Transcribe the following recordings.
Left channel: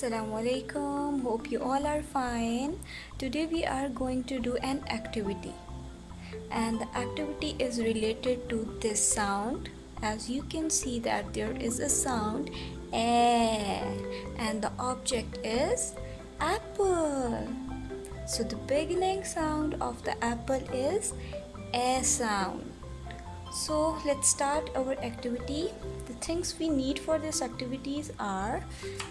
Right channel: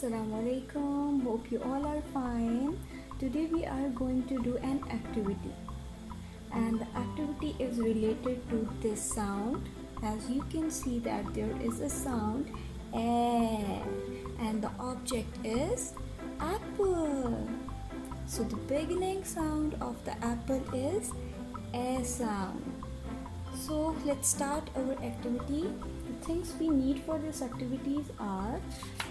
Assalamualaikum. Hope you all are fine. Today we are going to do an activity, and the activity is related to this sound. As you can see that there is a sound eh, and the object is apple. So the beginning sound of the apple is a sound. So let's start our activity. The things we need for this activities are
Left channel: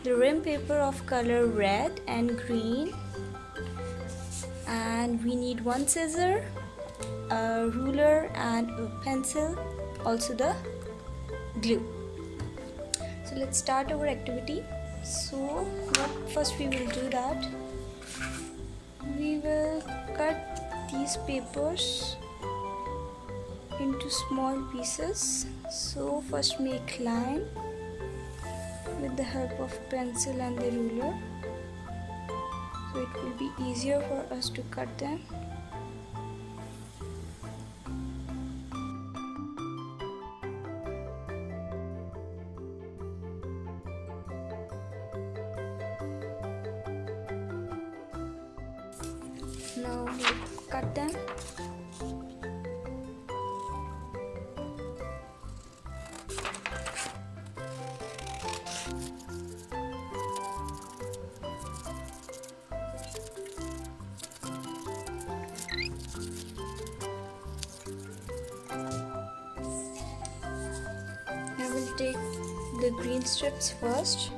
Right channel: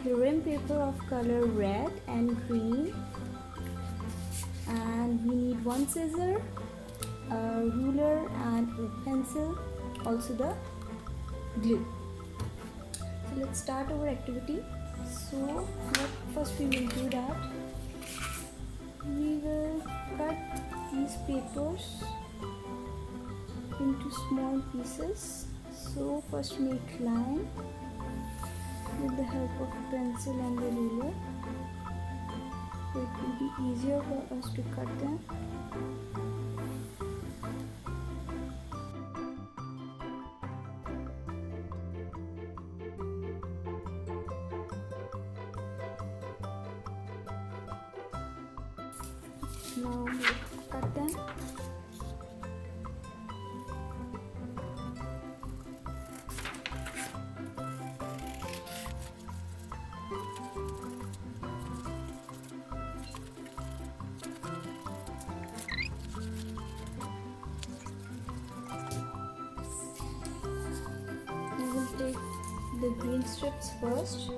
the rim paper of color red and green, and we need one scissor, a ruler and a pencil, also the glue. So let's start our activity. So first we will do that. We will cut these papers into small pieces. So first make line with the help of pencil and the ruler, so it will be easier for us to cut them. Now cut them. Take the green strips first,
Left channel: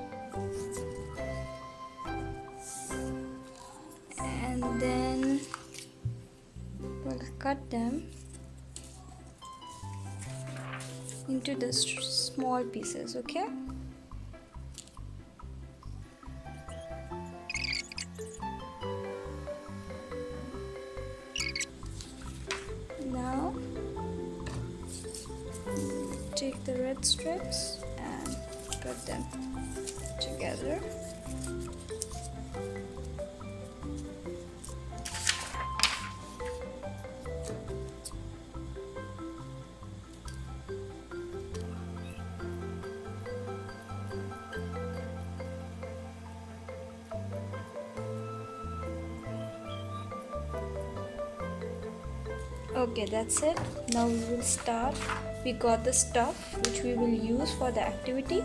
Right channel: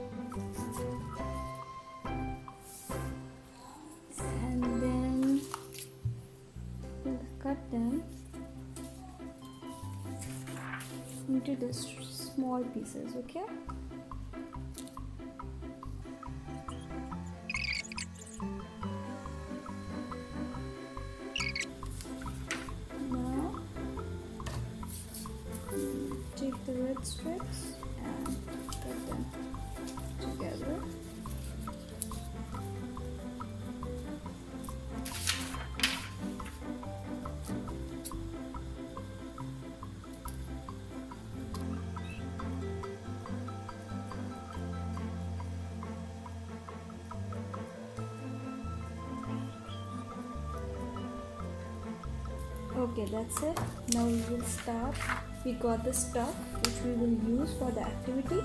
and then we'll cut them into the small pieces. Okay, now take the red strips and cut them together. Okay, that's it. Now we will start. We got the stuff which we will use for the activity.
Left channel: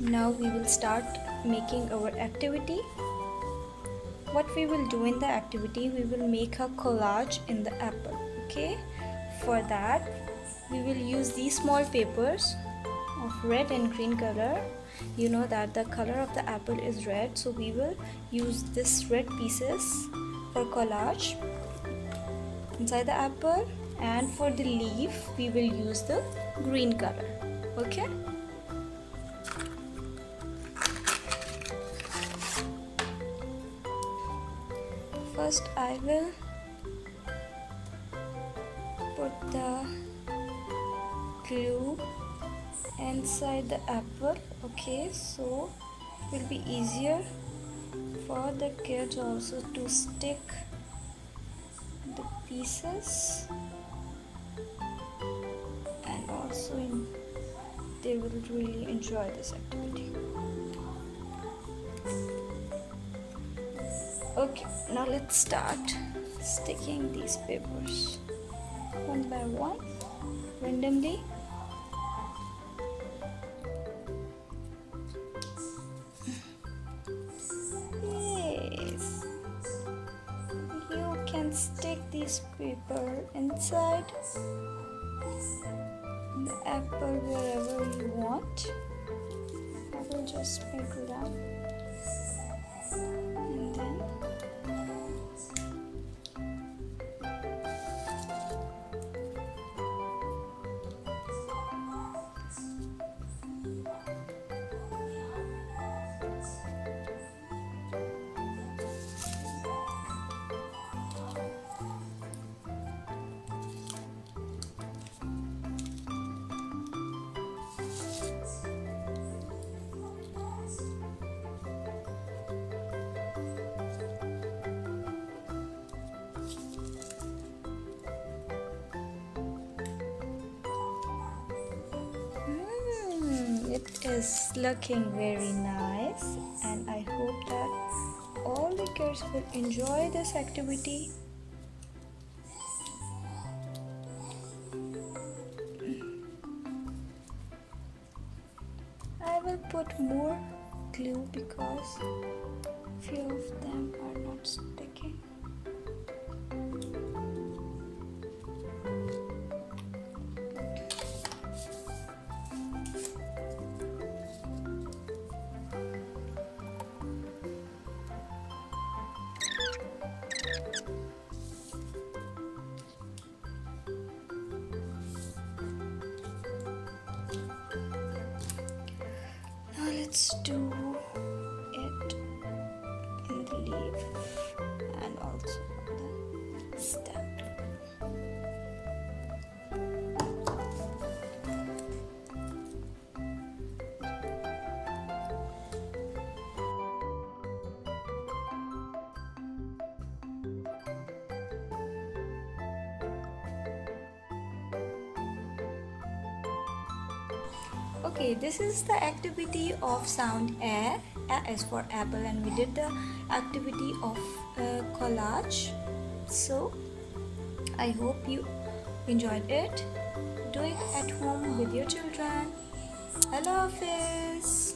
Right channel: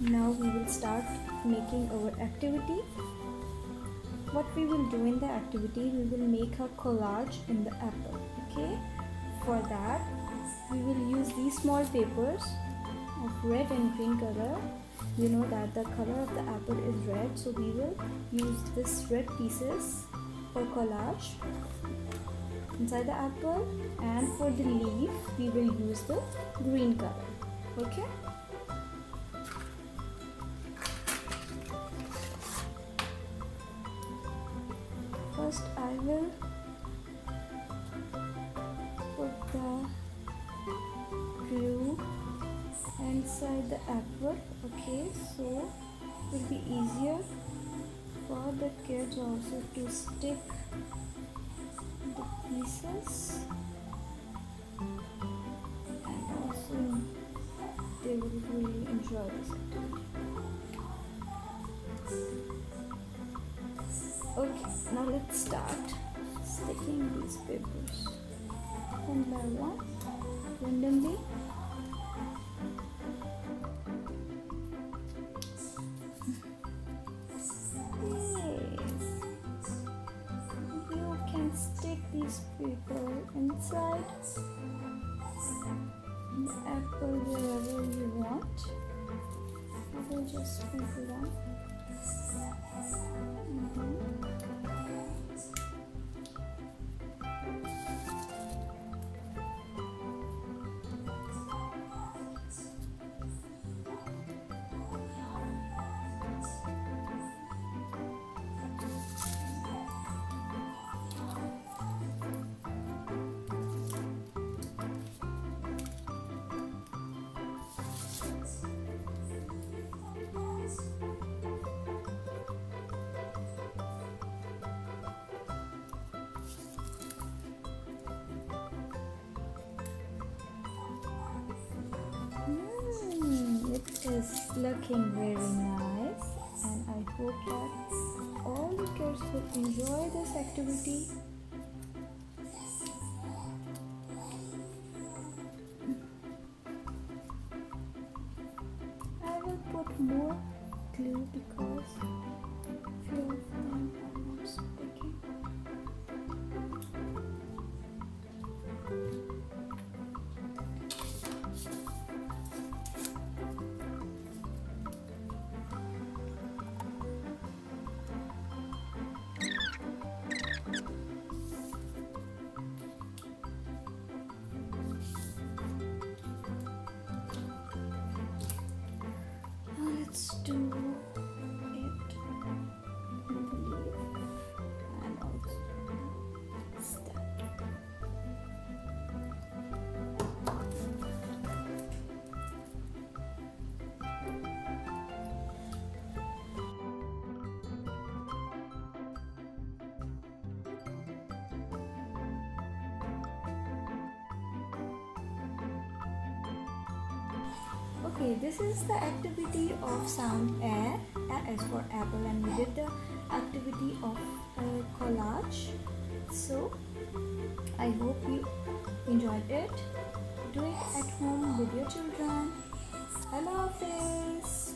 Now we will start making our activity. What we will do in the activity, we will make a collage in the apple. Okay, for that we will use these small papers of red and green color. You know that the color of the apple is red, so we will use this red pieces for collage inside the apple, and for the leaf we will use the green color. Okay, first I will put the glue inside the apple. Okay, so it will be easier for the kids also to stick pieces, and also they will really enjoy this activity. Okay, now let's start sticking these papers one by one randomly. Stick this paper inside the apple wherever you want. We'll just sprinkle that, and then is looking very nice. that all the kids will enjoy this activity. I will put more glue because few of them are not sticking. Now let's do it in the leaf and also the stem. Okay, this is the activity of sound A. A is for apple, and we did the activity of collage. So I hope you enjoyed it. Do it at home with your children. Allah Hafiz.